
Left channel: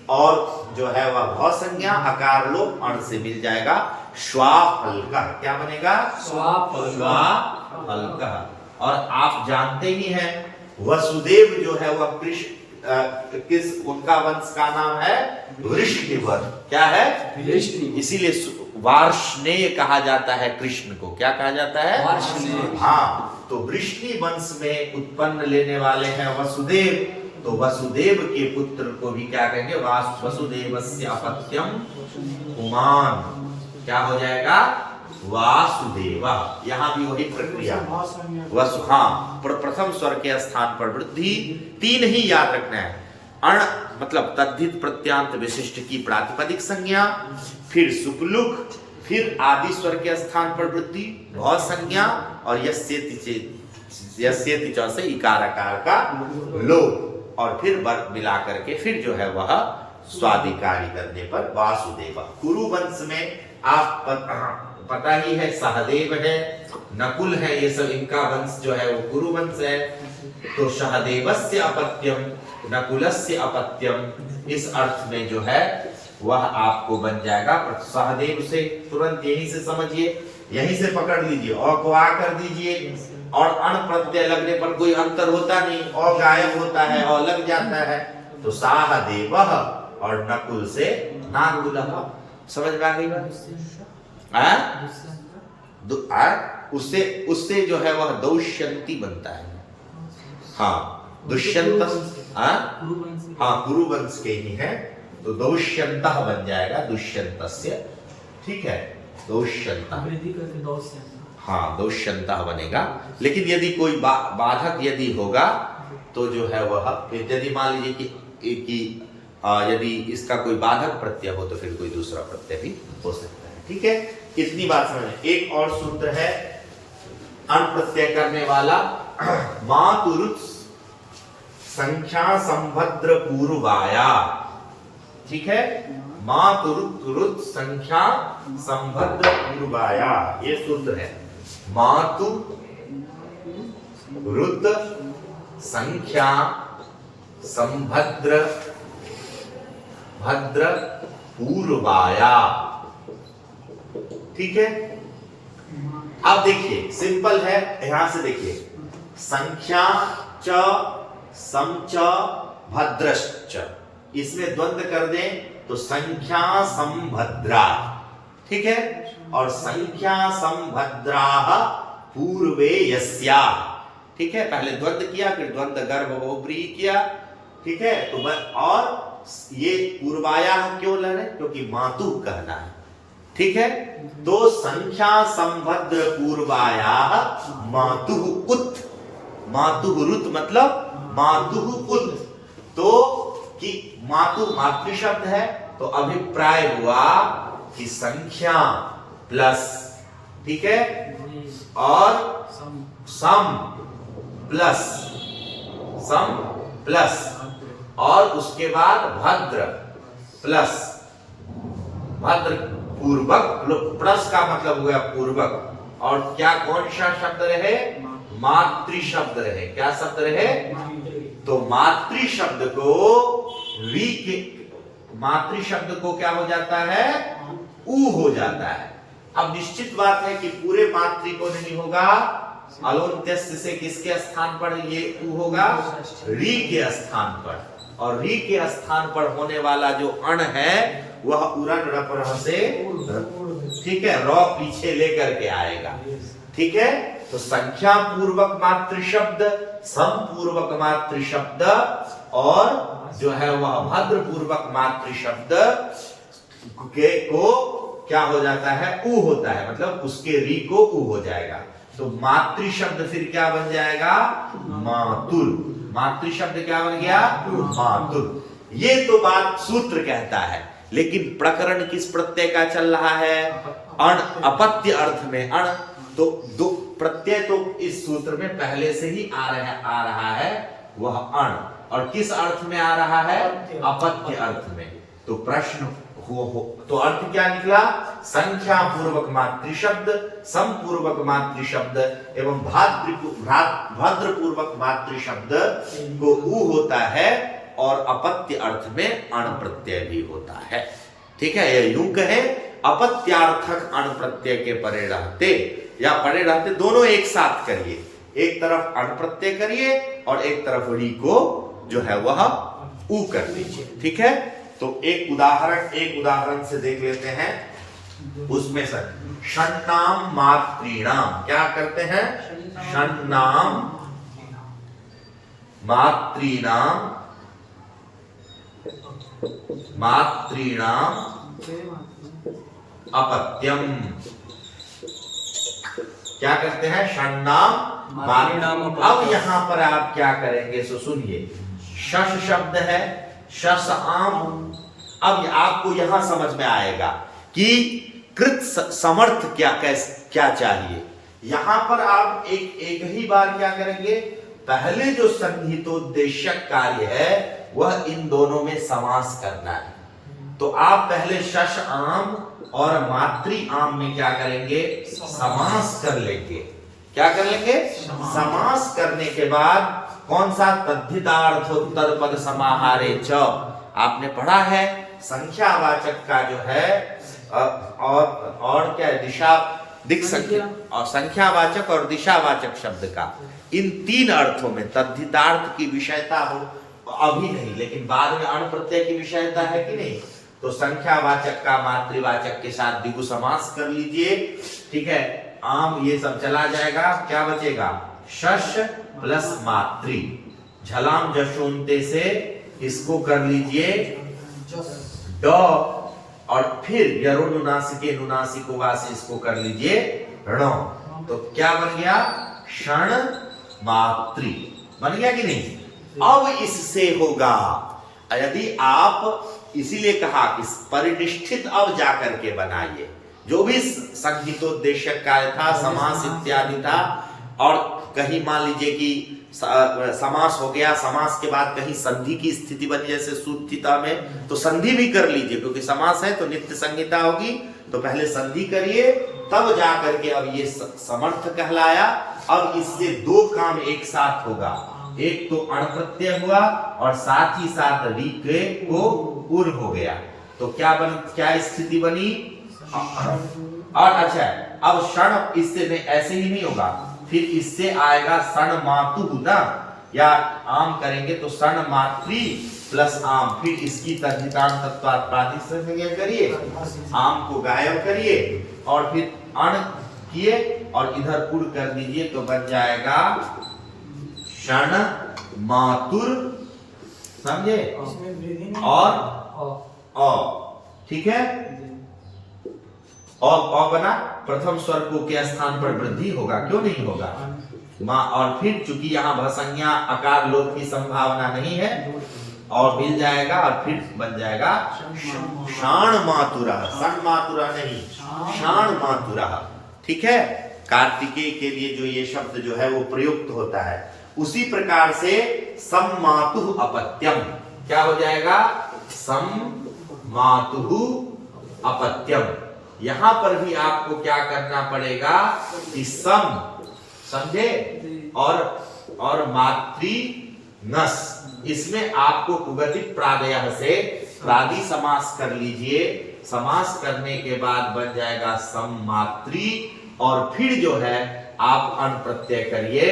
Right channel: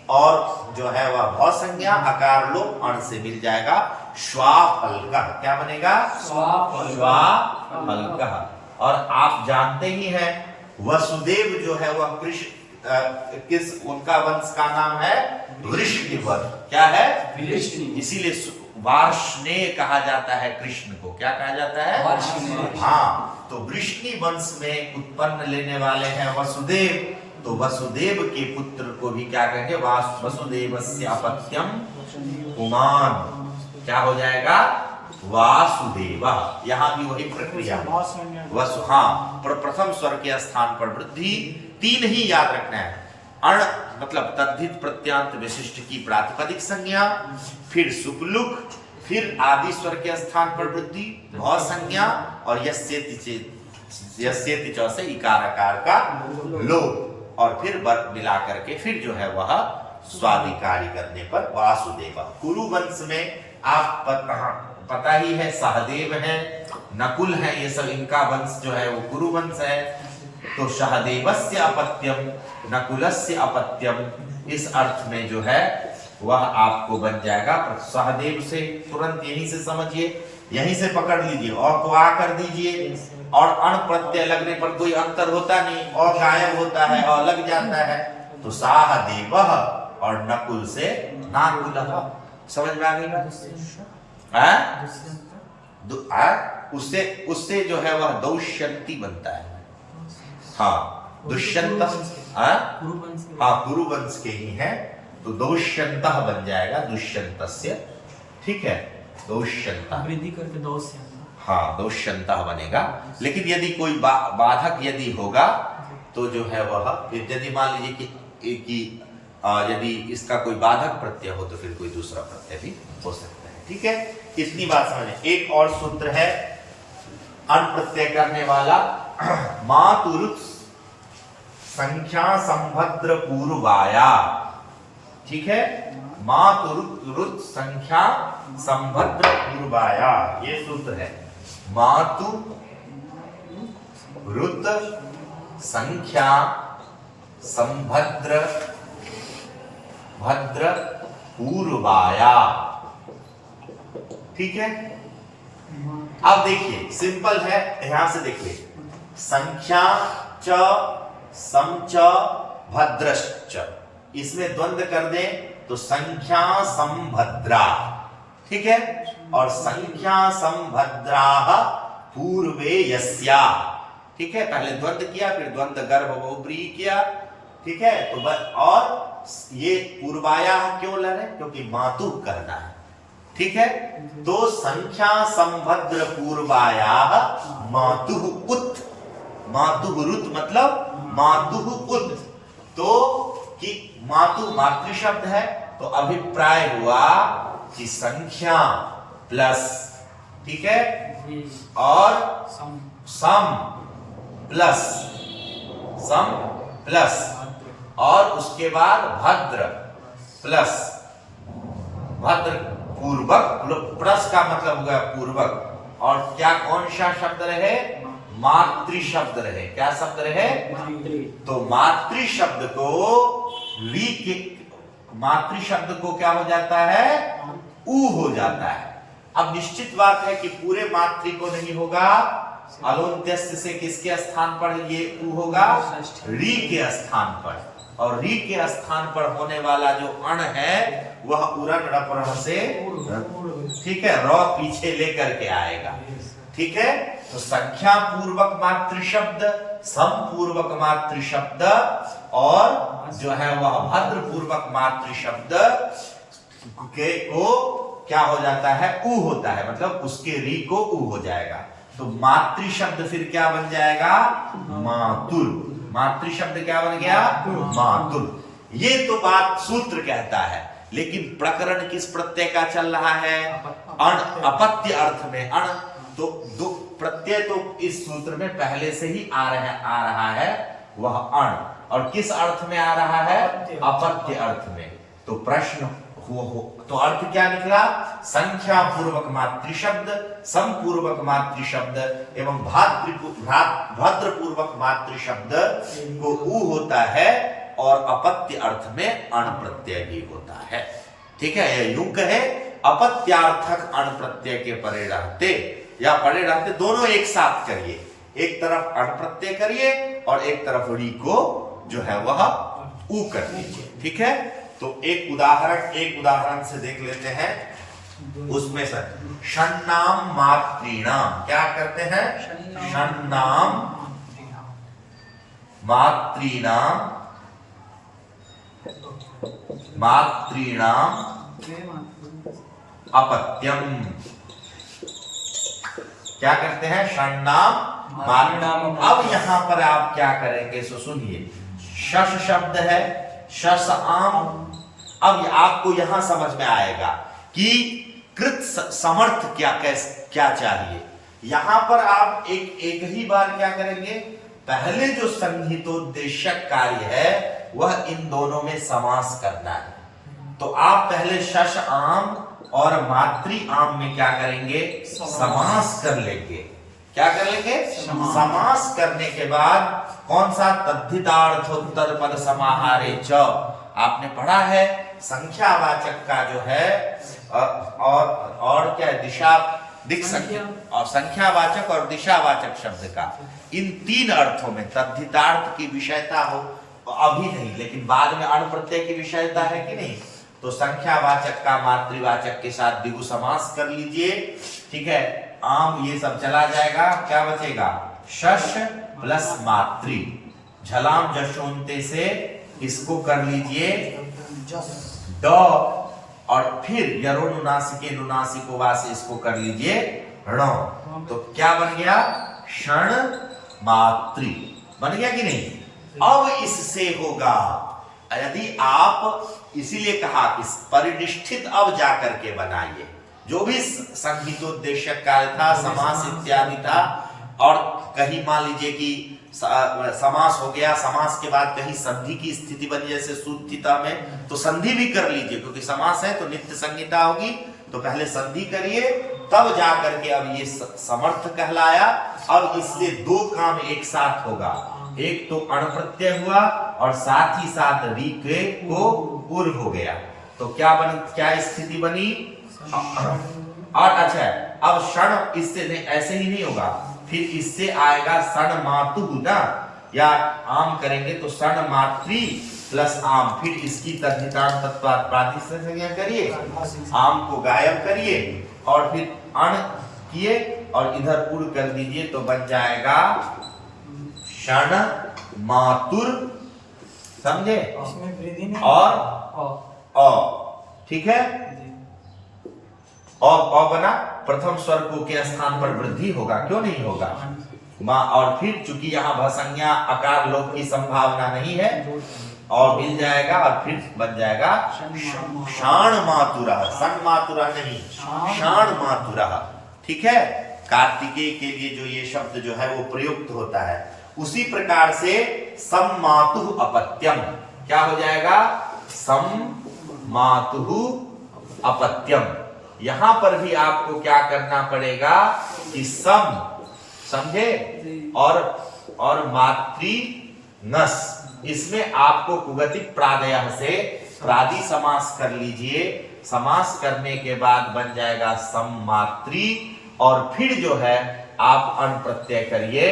और जो है वह भव संज्ञा, अकार लोप, अण से मिल जाएगा श्वाफल्कः। क्या बनेगा? श्वाफल्कः। और आप जानते ही हैं वसुदेव जो है वह कृष्ण किस उनका वंश का नाम है? वृष्णिवंश। क्या है? इसीलिए वार्ष्णेय कहा जाता है कृष्ण को। क्या कहा जाता है? वार्ष्णेय। हाँ, तो वृष्णि वंश में उत्पन्न लेने वाले हैं वसुदेव, तो वसुदेव के पुत्र को भी क्या कहेंगे? वसुदेवस्य अपत्यम पुमान। क्या हो जाएगा? वासुदेव। यहां भी वही प्रक्रिया, हाँ, प्रथम स्वर के स्थान पर वृद्धि, तीन ही याद रखना है। अण मतलब तद्धित प्रत्यांत विशिष्ट की प्रातिपदिक संज्ञा, फिर सुपलुक, फिर आदि स्वर के स्थान पर वृद्धि, भव संज्ञा, और यस्येति से इकार आकार का लोप। और फिर मिला करके फिर जो है वह स्वाधिकारी करने पर वासुदेव। कुरु वंश में आप पता ही है, सहदेव है, नकुल है, ये सब इनका वंश जो है वो कुरु वंश है। तो सहदेवस्य अपत्यम नकुलस्य अपत्यम, इस अर्थ में जो है वह आपको बन जाएगा। सहदेव से तुरंत यहीं से समझिए, यहीं से पकड़ लीजिए, और को आ कर दीजिए, और अण प्रत्यय लगने पर कोई अंतर होता नहीं, और गायब होता है और लग जाता है। तो सहदेव और नकुल से नाकुल, समझ में आ गई बात? उससे उससे जो है वह दौष्यंती बनता है। हाँ, दुष्यंत, हाँ गुरु वंश के ही है, तो दौष्यंत बन जाएगा, दुष्यंतस्य, ठीक है, दौष्यंत, हाँ दौष्यंत बनेगा। लेकिन यदि कोई बाधक यदि होगा तो जो है वह फिर, यदि मान लीजिए कि यदि इसका कोई बाधक प्रत्यय हो तो फिर कोई दूसरा प्रत्यय भी हो सकता है। ठीक है, इतनी बात समझ में। एक और सूत्र है अण प्रत्यय करने वाला, मातुरुत संख्या संभद्र पूर्वाया। ठीक है, मातुरुत संख्या संभद्र पूर्वाया, ये सूत्र है। मातु रुत संख्या संभद्र भद्र पूर्वाया। ठीक है, अब देखिए सिंपल है, यहां से देखिए, संख्या च सम च भद्रश्च, इसमें द्वंद्व कर दें तो संख्या संभद्रा। ठीक है, और संख्या संभद्रा पूर्वे यस्या। ठीक है, पहले द्वंद्व किया, फिर द्वंद्व गर्भ बहुब्रीहि किया। ठीक है, तो और ये पूर्वाया क्यों ले रहे? क्योंकि मातु कहना है। ठीक है, तो संख्या संभद्र पूर्वाया मातु उत, मातु रुत मतलब मातु उत, तो कि मातु मातृ शब्द है, तो अभिप्राय हुआ कि संख्या प्लस, ठीक है, और सम प्लस और उसके बाद भद्र प्लस, भद्र पूर्वक, प्लस का मतलब हुआ पूर्वक, और क्या कौन सा शब्द रहे? मातृ शब्द रहे। क्या शब्द रहे? तो मातृ शब्द को री के, मातृ शब्द को क्या हो जाता है? ऊ हो जाता है। अब निश्चित बात है कि पूरे मातृ को नहीं होगा, अलोन्त्यस्य से किसके स्थान पर ये ऊ होगा? री के स्थान पर, और री के स्थान पर होने वाला जो अण है वह उरण रपर से, ठीक है, रॉ पीछे लेकर के आएगा। ठीक है, तो संख्या पूर्वक मातृ शब्द, सम पूर्वक मातृ शब्द, और जो है वह भद्र पूर्वक मातृ शब्द के को क्या हो जाता है? ऊ होता है, मतलब उसके री को ऊ हो जाएगा। तो मातृ शब्द फिर क्या बन जाएगा? मातुल। मातृ शब्द क्या बन गया? मातुल। ये तो बात सूत्र कहता है, लेकिन प्रकरण किस प्रत्यय का चल रहा है? अण, अपत्य अर्थ में अण। तो दो प्रत्यय तो इस सूत्र में पहले से ही आ रहा है, वह अण, और किस अर्थ में आ रहा है? अपत्य अर्थ में। तो प्रश्न तो अर्थ क्या निकला? संख्या पूर्वक मातृ शब्द, सम पूर्वक मातृ शब्द एवं भद्र पूर्वक मातृ शब्द को ऊ होता है, और अपत्य अर्थ में अण प्रत्यय भी होता है। ठीक है, यह यूं कहे, अपत्यार्थक अण प्रत्यय के परे रहते या परे रहते, दोनों एक साथ करिए। एक तरफ अण प्रत्यय करिए और एक तरफ री को जो है वह ऊ कर दीजिए। ठीक है, तो एक उदाहरण से देख लेते हैं। उसमें से षण्णाम मातृणाम, क्या करते हैं? षण्णाम मातृणाम, मातृणाम अपत्यम। क्या करते हैं? षण्णाम मातृणाम। अब यहां पर आप क्या करेंगे? सो सुनिए, शश शब्द है, शस आम। अब आपको यहां समझ में आएगा कि कृत समर्थ क्या चाहिए। यहां पर आप एक ही बार क्या करेंगे? पहले जो संहितोद्देश्यक कार्य है वह इन दोनों में समास करना है। तो आप पहले शश आम और मातृ आम में क्या करेंगे? समास कर लेंगे। क्या कर लेंगे? समास करने के बाद कौन सा? तद्धितार्थोत्तर पद समाहारे च। आपने पढ़ा है संख्यावाचक का जो है और क्या है? दिशा दिक् संख्या और संख्यावाचक और दिशावाचक शब्द का इन तीन अर्थों में तद्धितार्थ की विषयता हो, अभी नहीं लेकिन बाद में अण प्रत्यय की विषयता है कि नहीं, तो संख्यावाचक का मातृवाचक के साथ द्विगु समास कर लीजिए। ठीक है, आम ये सब चला जाएगा, क्या बचेगा? शश प्लस मातृ। झलाम जशोंते से इसको कर लीजिए ड, और फिर यरोनुनासिके नुनासिको वा से इसको कर लीजिए ऋणो। तो क्या बन गया? क्षण मातृ बन गया कि नहीं? अब इससे होगा, यदि आप, इसीलिए कहा कि परिनिष्ठित अब जाकर के बनाइए। जो भी संहितोद्देश्यक कार्य था, समास इत्यादि था, और कहीं मान लीजिए कि समास हो गया, समास के बाद कहीं संधि की स्थिति बनी जैसे सुत्थिता में, तो संधि भी कर लीजिए, क्योंकि समास है तो नित्य संहिता होगी। तो पहले संधि करिए, तब जाकर के अब ये समर्थ कहलाया। अब इससे दो काम एक साथ होगा, एक तो अण प्रत्यय हुआ और साथ ही साथ रीक्रे को उर् हो गया। तो क्या स्थिति बनी? और अच्छा, अब क्षण इससे नहीं, ऐसे ही नहीं होगा, फिर इससे आएगा षण मातु ना, या आम करेंगे तो षण मातृ प्लस आम, फिर इसकी तद्धितांत तत्वात् प्रातिसंज्ञा करिए, आम को गायब करिए और फिर अण किए और इधर उड़ कर दीजिए, तो बन जाएगा षण मातुर। समझे? और ठीक है, और बना, प्रथम स्वर को के स्थान पर वृद्धि होगा, क्यों नहीं होगा? मां, और फिर चूंकि यहाँ भसंज्ञा आकार लोप की संभावना नहीं है, और मिल जाएगा, और फिर बन जाएगा शाण मातुरा। सन मातुरा नहीं, शाण मातुरा। ठीक है, कार्तिकेय के लिए जो ये शब्द जो है वो प्रयुक्त होता है, उसी प्रकार से सम मातु अपत्यम, क्या हो जाएगा? सम मातु अपत्यम। यहां पर भी आपको क्या करना पड़ेगा कि सम, समझे, और मातृ नस, इसमें आपको कुगतिक प्रादयः से प्रादि समास कर लीजिए। समास करने के बाद बन जाएगा सम मातृ, और फिर जो है आप अण प्रत्यय करिए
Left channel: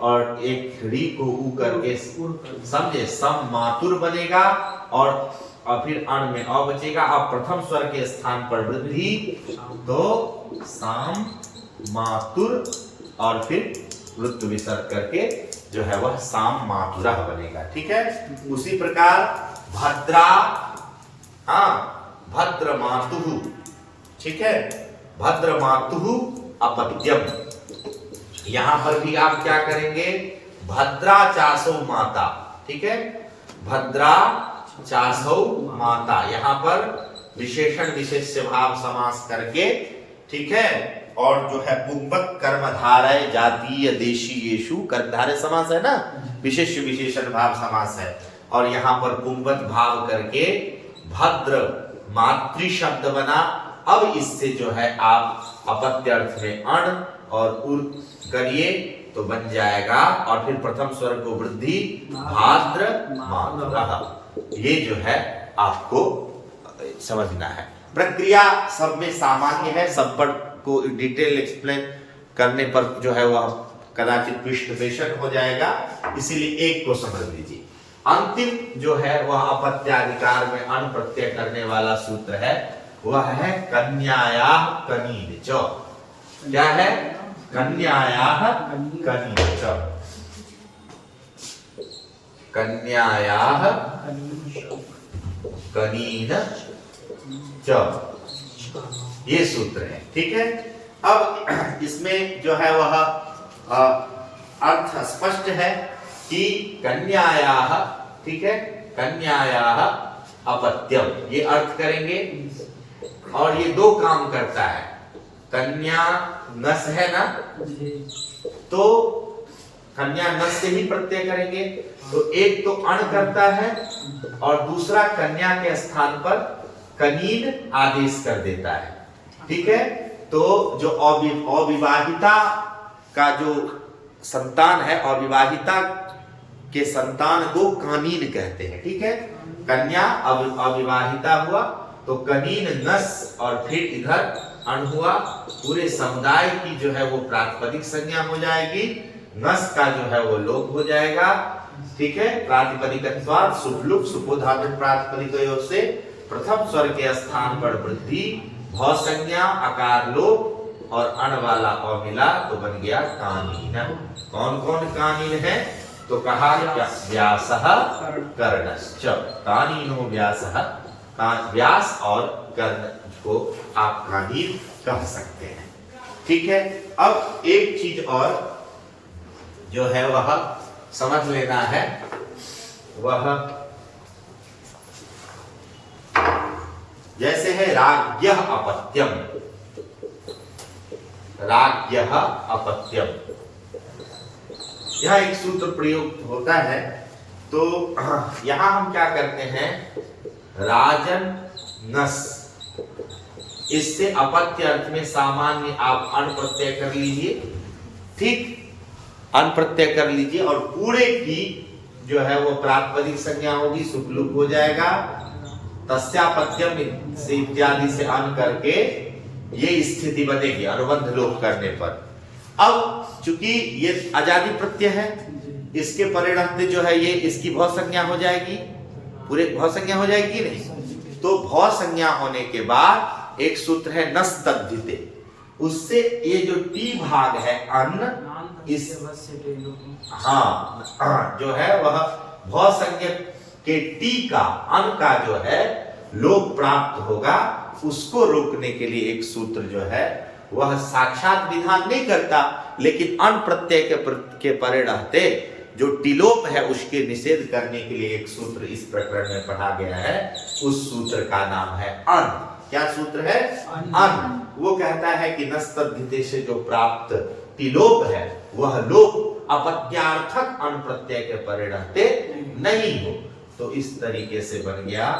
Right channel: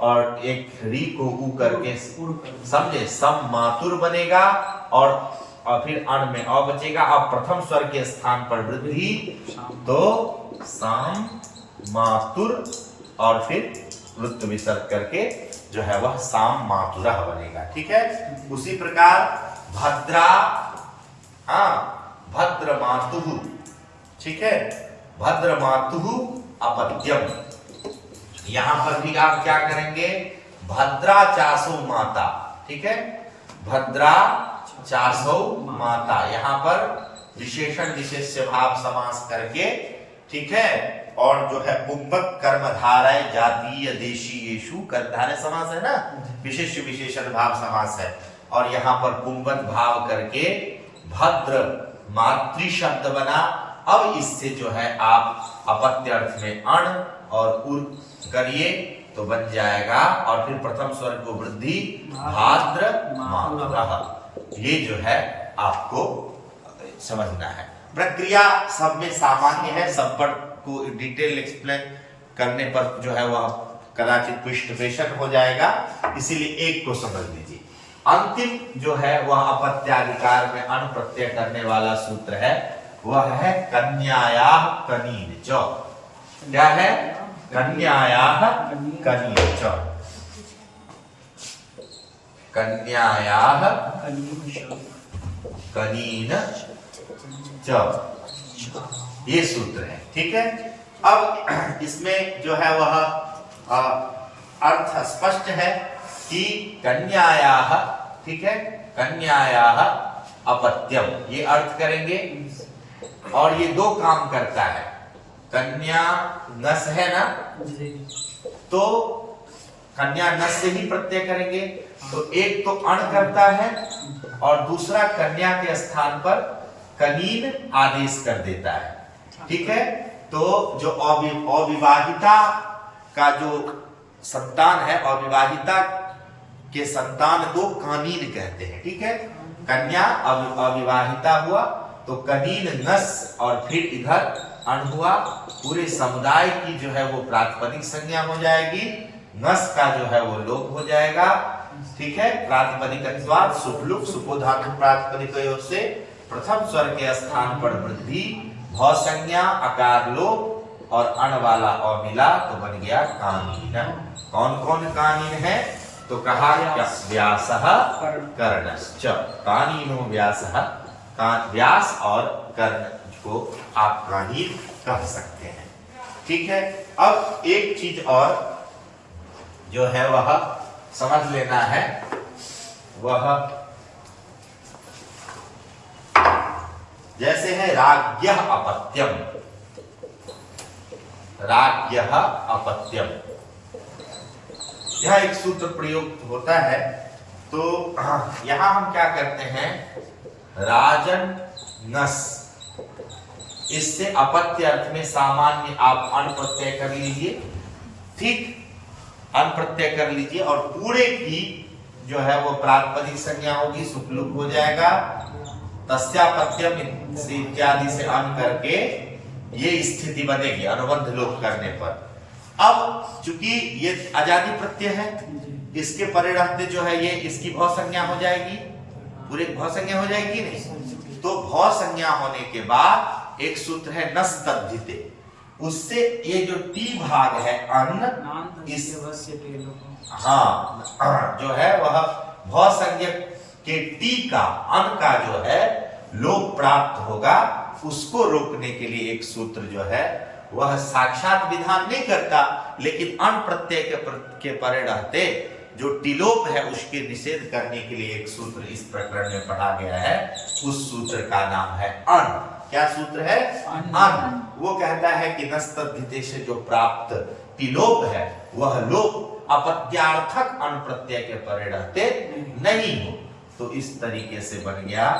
और एक री को उ करके, समझे, सम मातुर बनेगा, और फिर अण में अ बचेगा। अब प्रथम स्वर के स्थान पर वृद्धि, तो साम मातुर, और फिर लुत्व विसर्ग करके जो है वह साम मातुरा बनेगा। ठीक है, उसी प्रकार भद्रा, भद्र मातुः, ठीक है, भद्र मातुः अपत्यम। यहां पर भी आप क्या करेंगे? भद्रा चासो माता। ठीक है, भद्रा चासो माता, यहां पर विशेषण विशेष्य भाव समास करके, ठीक है, और जो है पुंबक कर्मधारय जातीय देशीयेषु, कर्मधारय समास है ना, विशेष्य विशेषण भाव समास है, और यहां पर पुंबक भाव करके भद्र मातृ शब्द बना। अब इससे जो है आप अपत्य अर्थ में अण और उर करिए, तो बन जाएगा, और फिर प्रथम स्वर को वृद्धि, भाद्र मातुरः। ये जो है आपको समझना है। प्रक्रिया सब में सामान्य है, सब पर को डिटेल एक्सप्लेन करने पर जो है वह कदाचित पृष्ठपेषण हो जाएगा, इसीलिए एक को समझ लीजिए। अंतिम जो है वह अपत्याधिकार में अण प्रत्यय करने वाला सूत्र है, वह है कन्यायाः कनीन च। क्या है? कन्यायाः कनीन च। कन्यायाः कनीन च, ये सूत्र है। ठीक है, अब इसमें जो है वह अर्थ स्पष्ट है कि कन्यायाः, ठीक है, कन्यायाः अपत्यम, ये अर्थ करेंगे, और ये दो काम करता है। कन्या नस है ना, तो कन्या नस से ही प्रत्यय करेंगे, तो एक तो अण करता है और दूसरा कन्या के स्थान पर कनीन आदेश कर देता है। ठीक है, तो जो अविवाहिता का जो संतान है, अविवाहिता के संतान को कानीन कहते हैं। ठीक है, कन्या अविवाहिता हुआ तो कनीन नस और फिर इधर अण हुआ, पूरे समुदाय की जो है वो प्रातिपदिक संज्ञा हो जाएगी, नस का जो है वो लोप हो जाएगा। ठीक है, प्रातिपदिक अनुस्वार सुप्लुक सुपो धातु प्रातिपदिक से प्रथम स्वर के स्थान पर वृद्धि, भौ संज्ञा अकार लोप और अण वाला अ मिला तो बन गया कानीन। कौन कौन कानीन है? तो कहा क्या? व्यासः कर्णश्च, कानीनो व्यासः, व्यास और कर्ण को आप कानीन कह सकते हैं। ठीक है, अब एक चीज और जो है वह समझ लेना है, वह जैसे है राज्ञः अपत्यम, राज्ञः अपत्यम, यह एक सूत्र प्रयोग होता है। तो यहां हम क्या करते हैं, राजन नस, इससे अपत्य अर्थ में सामान्य आप अण प्रत्यय कर लीजिए। ठीक, अण प्रत्यय कर लीजिए और पूरे की जो है वो प्रातिपदिक संज्ञा होगी, सुपलुक हो जाएगा, तस्यापत्यम से इत्यादि से अण करके ये स्थिति बनेगी अनुबंध लोप करने पर। अब चूंकि ये आजादी प्रत्यय है, इसके परे रहते जो है ये इसकी भौ संज्ञा हो जाएगी, पूरे भौ संज्ञा हो जाएगी नहीं, तो भौ संज्ञा होने के बाद एक सूत्र है नस तद्धिते, उससे ये जो टी भाग है अन्न, इस हाँ जो है वह भौ संज्ञा के टी का अन्न का जो है लोप प्राप्त होगा, उसको रोकने के लिए एक सूत्र जो है वह साक्षात विधान नहीं करता, लेकिन अण प्रत्यय के परे रहते जो टिलोप है उसके निषेध करने के लिए एक सूत्र इस प्रकरण में पढ़ा गया है। उस सूत्र का नाम है अण। क्या सूत्र है? अण। वो कहता है कि नस्तद्धिते से जो प्राप्त टिलोप है वह लोप अपत्यार्थक अण प्रत्यय के परे रहते नहीं हो, तो इस तरीके से बन गया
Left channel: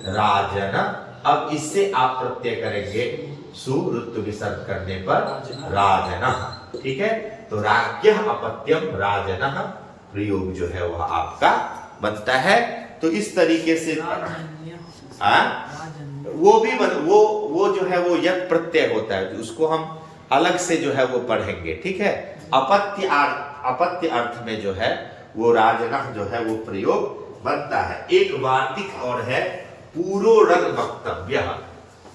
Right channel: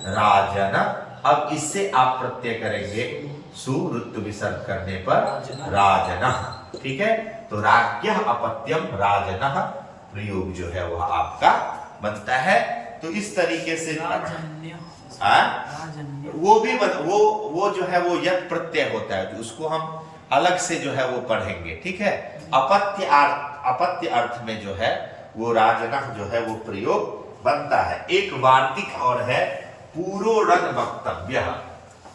राजन। अब इससे आप प्रत्यय करेंगे सुवृत्त विसर्ग करने पर राजन। ठीक है, तो राज्ञः अपत्यम राजनः प्रयोग जो है वह आपका बनता है। तो इस तरीके से वो भी वो जो है वो यद प्रत्यय होता है, उसको हम अलग से जो है वो पढ़ेंगे। ठीक है, अपत्य अर्थ में जो है वो राजनः जो है वो प्रयोग बनता है। एक वार्तिक और है पूरोरण वक्तव्य।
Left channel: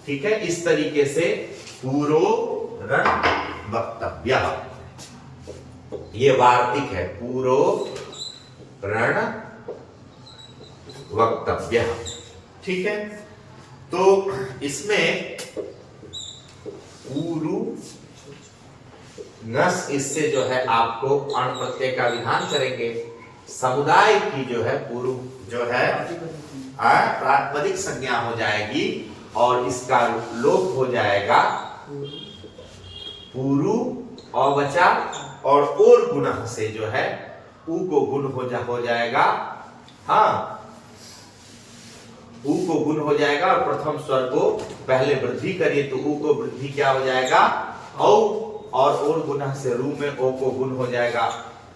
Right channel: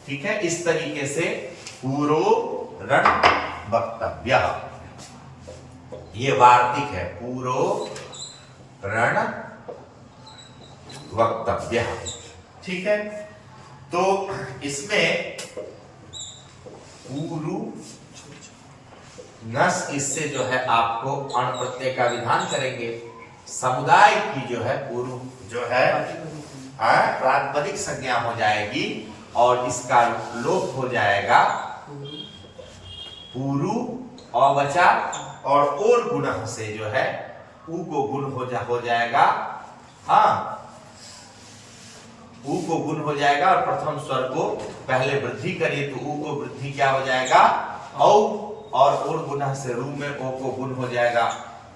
ठीक है, इस तरीके से पूरोरण वक्तव्य, ये वार्तिक है पूरोरण वक्तव्य। ठीक है, तो इसमें पूरु नस, इससे जो है आपको अण प्रत्यय का विधान करेंगे। समुदाय की जो है पूर्व जो है प्रातिपदिक संज्ञा हो जाएगी और इसका लोप हो जाएगा पूरु अवचा और गुण से जो है उ को गुण हो जाएगा। हाँ, उ को गुण हो जाएगा और प्रथम स्वर को पहले वृद्धि करिए तो उ को वृद्धि क्या हो जाएगा औ, और गुण से रू में ओ को गुण हो जाएगा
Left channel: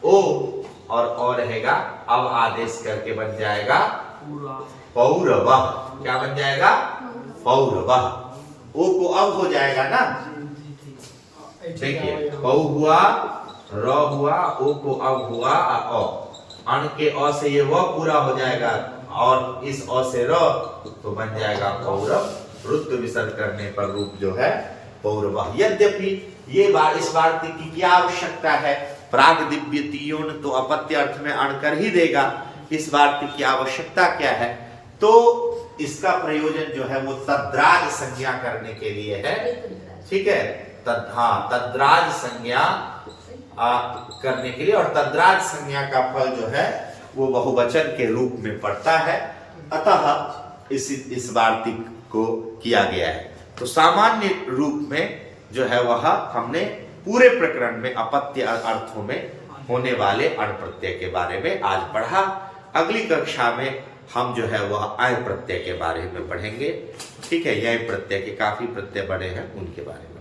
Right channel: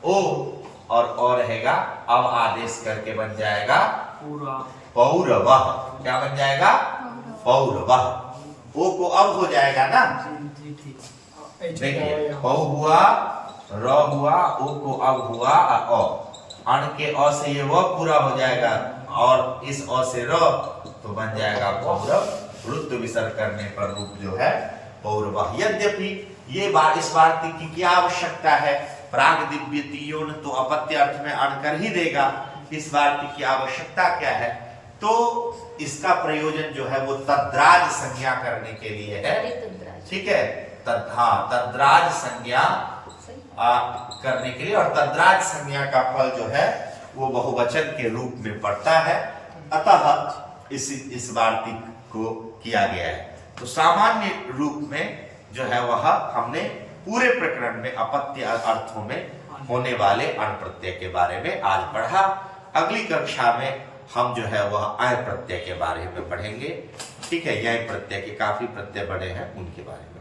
ओ, और रहेगा अब आदेश करके बन जाएगा पौरवः। क्या बन जाएगा? पौरवः। ओ को अब हो जाएगा ना, देखिए पौ हुआ, र हुआ, ओ को अब हुआ अ, अण के अ से ये व पूरा हो जाएगा और इस अ से र तो बन जाएगा पौरव। रुद्ध विसर्ग करने पर रूप जो है पौरवः। यद्यपि ये इस वार्तिक की क्या आवश्यकता है, प्राग दिव्य तीयोन तो अपत्य अर्थ में अण कर ही देगा। इस वार्तिक की आवश्यकता क्या है, तो इसका प्रयोजन जो है वो तद्राज संज्ञा करने के लिए है। ठीक है, तद्राज संज्ञा करने के लिए, और तद्राज संज्ञा का फल जो है वो बहुवचन के रूप में पड़ता है, अतः इस वार्तिक को किया गया है। तो सामान्य रूप में जो है वह हमने पूरे प्रकरण में अपत्य अर्थों में होने वाले अण प्रत्यय के बारे में आज पढ़ा। अगली कक्षा में हम जो है वह अय प्रत्यय के बारे में पढ़ेंगे। ठीक है, यह प्रत्यय के काफी प्रत्यय बड़े हैं, उनके बारे में।